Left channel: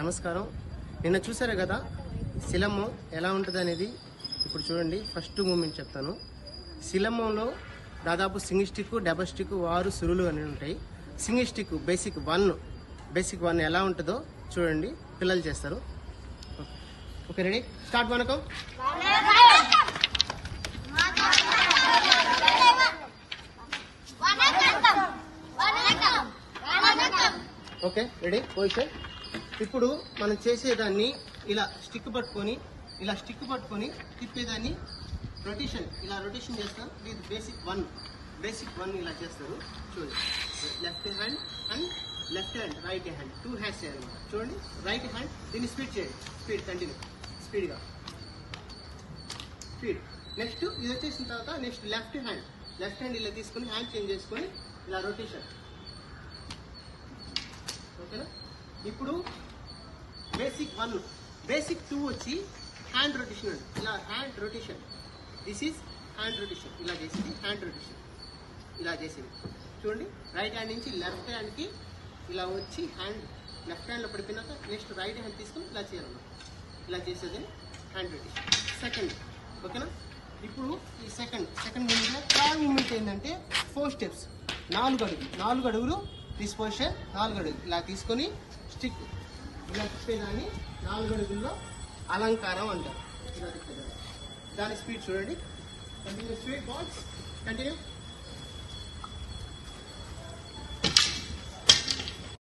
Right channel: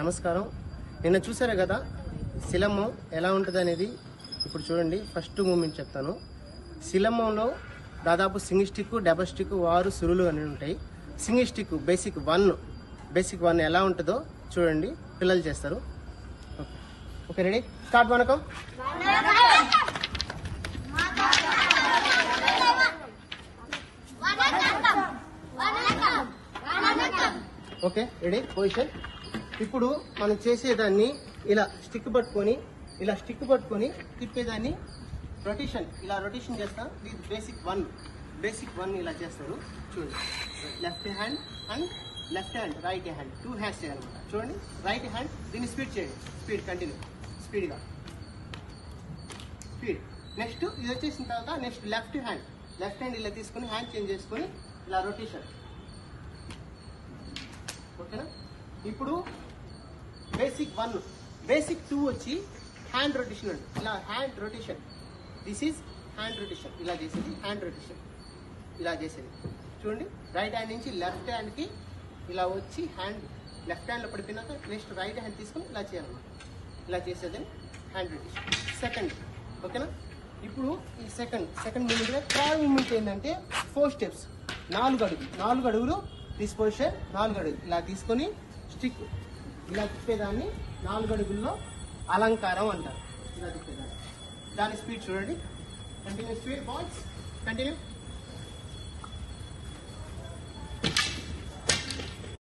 నమస్కారం. నిన్న చూసారు కదా శిలమ్మం ఎలా ఉంటుంది అనేది. ఇప్పుడు చూడండి, ఫస్ట్ మూమెంట్ చెప్తాను. శిలమ్మంలో దాదాపు సింగిల్ స్టిక్, డబల్ స్టిక్, వారు, సురులు అని ఉంటాయి. సింగిల్ స్టిక్ బేసిక్ వన్ ఎలా ఉంటుందో చూడండి, పిల్లలు చేస్తారు. Okay, ready, start. వనకం. Okay, ready, position. ఇప్పుడు మనం చేసేదాన్ని ఇలా స్టిక్ పట్టుకొని తిప్పేదాన్ని రొటేషన్ చేస్తాం. ఇది బేసిక్ వన్ ఇలా చేస్తారు. చూడండి, left hand and left hand, right hand, 2 hands చేయాలన్నమాట. చూడండి, రైట్ హ్యాండ్ దీన్ని స్పీడ్ చేయండి, కంటిన్యూ స్పీడ్. నెక్స్ట్ ఇది వచ్చేసిన తర్వాత నెక్స్ట్ లెఫ్ట్ హ్యాండ్ ఇలా తీసుకొని హ్యాండ్ చేంజ్ చేసుకొని ఇలా రొటేషన్. ఓకేనా? ఇప్పుడు బేసిక్ 1. బేసిక్ 2 వచ్చి హ్యాండ్ రొటేషన్ అండి. ఇలా hand rotation, this is hand rotation. ఇలా చేసేది హ్యాండ్ రొటేషన్, ఇలా చేసేది. చూడండి, రైట్ హ్యాండ్ నుంచి లెఫ్ట్ హ్యాండ్కి ఇలా వచ్చి హ్యాండ్ లెఫ్ట్ హ్యాండ్లో పడిపోయినాక నెక్స్ట్ రైట్ హ్యాండ్ తీసుకొని ఇలా చేయాలన్నమాట. ఇలా చేసేది హ్యాండ్ రొటేషన్. సెకండ్, ఓకేనా? ఇప్పుడు ఈ సెకండ్ మూమెంట్గా థర్డ్ మూమెంట్ ఏంటంటే 4 స్టెప్స్, 4 అడుగులు డిస్పోజిషన్, 4 అడుగులు ఇలా తీసుకొని స్టిక్ ఇలా తిప్పేదాన్ని 4 అడుగుల్లో అలంకారం అంటారు. ఇలా తిప్పేదాన్ని, దాని స్పీడ్ చూడండి, కంటిన్యూ స్పీడ్, బాల్స్ కంటిన్యూ.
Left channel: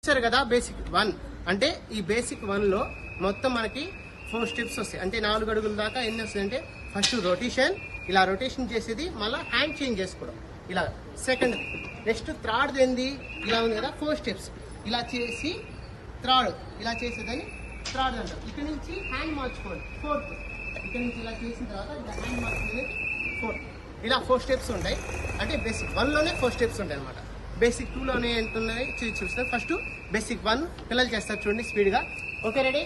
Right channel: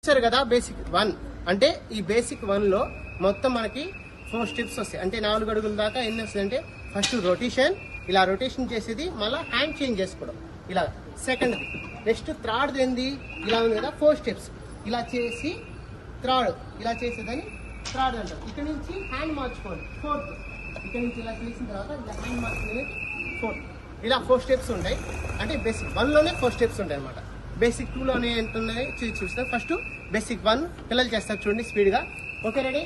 చూసారు కదా, బేసిక్ 1 అంటే ఈ బేసిక్ 1లో మొత్తం మనకి 4 స్టెప్స్ వస్తాయి. అంటే 4 అడుగుల దాకా ఎన్ని వస్తాయంటే, ఫస్ట్ రొటేషన్, ఇలా రొటేషన్ చేసేది, మళ్ళీ హ్యాండ్ చేంజ్ చేసుకోవడం ఇలా. సెకండ్, నెక్స్ట్ థర్డ్ ఏంది, ఇలా ఉంది కదా 4 స్టెప్స్, ఇలా చేసి థర్డ్ ఇలా చేసేదని థర్డ్ అంటారు. ఇక్కడ నుంచి హ్యాండ్ మార్చుకోండి, 4th. ఇక్కడ నుంచి ఇలా చేసిన తర్వాత ఇలా హ్యాండ్ మార్చుకునేది 4th. ఇలా 4 స్టెప్స్ ఉంటాయి. అంటే బేసిక్ 1లోనే 4 స్టెప్స్ ఉంటాయి అనమాట. బేసిక్ 2లోనే ఎంత ఉన్నాయి చూస్తారు. ఫస్ట్ బేసిక్ 1 పిల్లలు చేస్తారు, చూడండి స్పీడ్గా. Okay, ready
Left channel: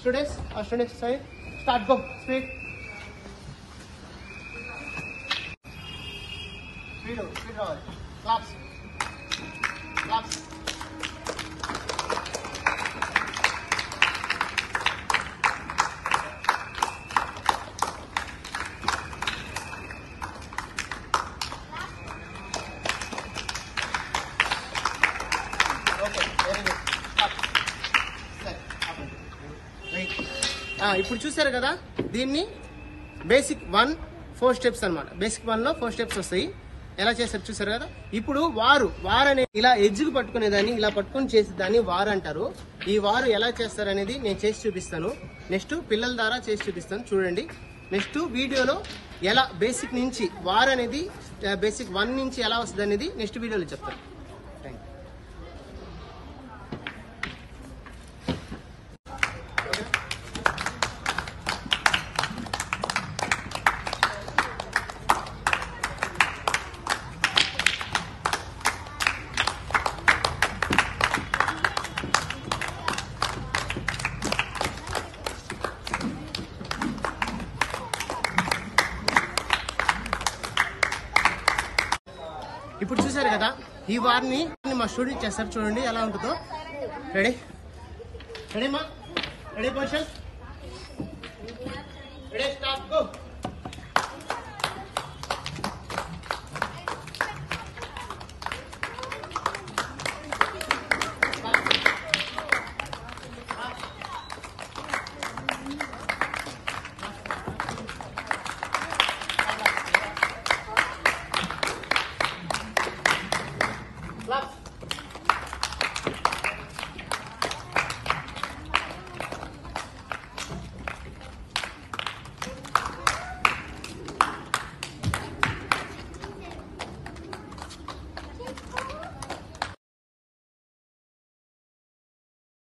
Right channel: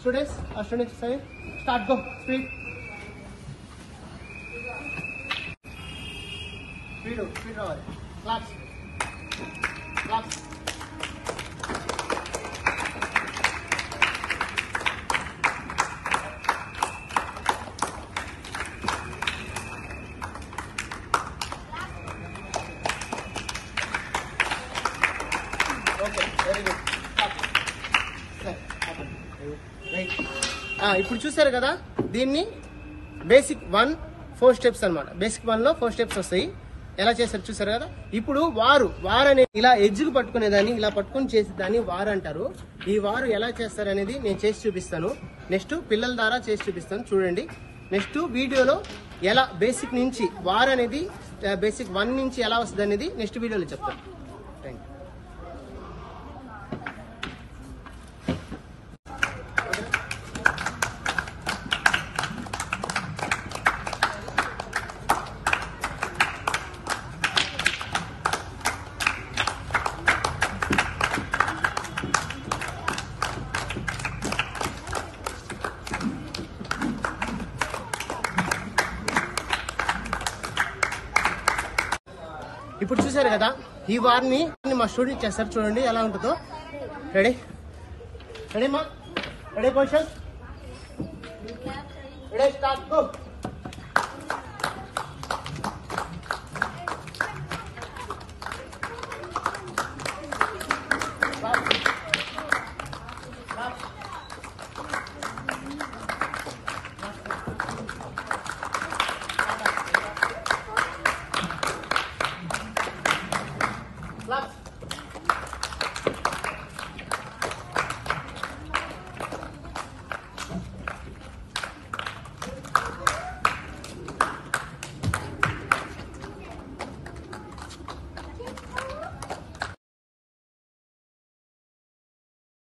students side start, go speed రావాలి. క్లాప్స్. ఇప్పుడు చూసారు కదా, దీన్ని బేసిక్ 1 4 స్టెప్స్ అనమాట. బేసిక్ 1లో 4 స్టెప్స్ వస్తాయి. ఎలా చేస్తారు చూసారు కదా. ఇప్పుడు వారు అనే ఇలా ఎడ్జ్కి పట్టుకునేదాన్ని ఇలా పట్టుకొని చేసేదాన్ని వారు అంటారు. ఈ వారు ఎలా చేస్తారు అనేది నేను చేసి చూపిస్తాను. నెక్స్ట్ పిల్లల ద్వారా చేసి చూపిస్తాను, చూడండి. నెక్స్ట్ వీడియోలో ఎలా బేసిక్ నుంచి వారు అనేది బేసిక్ 1 నుంచి ఎలా వస్తుంది అనేది నెక్స్ట్ వీడియోలో చెప్తాను. Thank you. ఇప్పుడు చూసారు కదా, ఈ వారిని మా స్టూడెంట్ చేస్తారు, చూడండి ఎలా ఉంటుందో. రెడీ మా, ready position, ready start, go.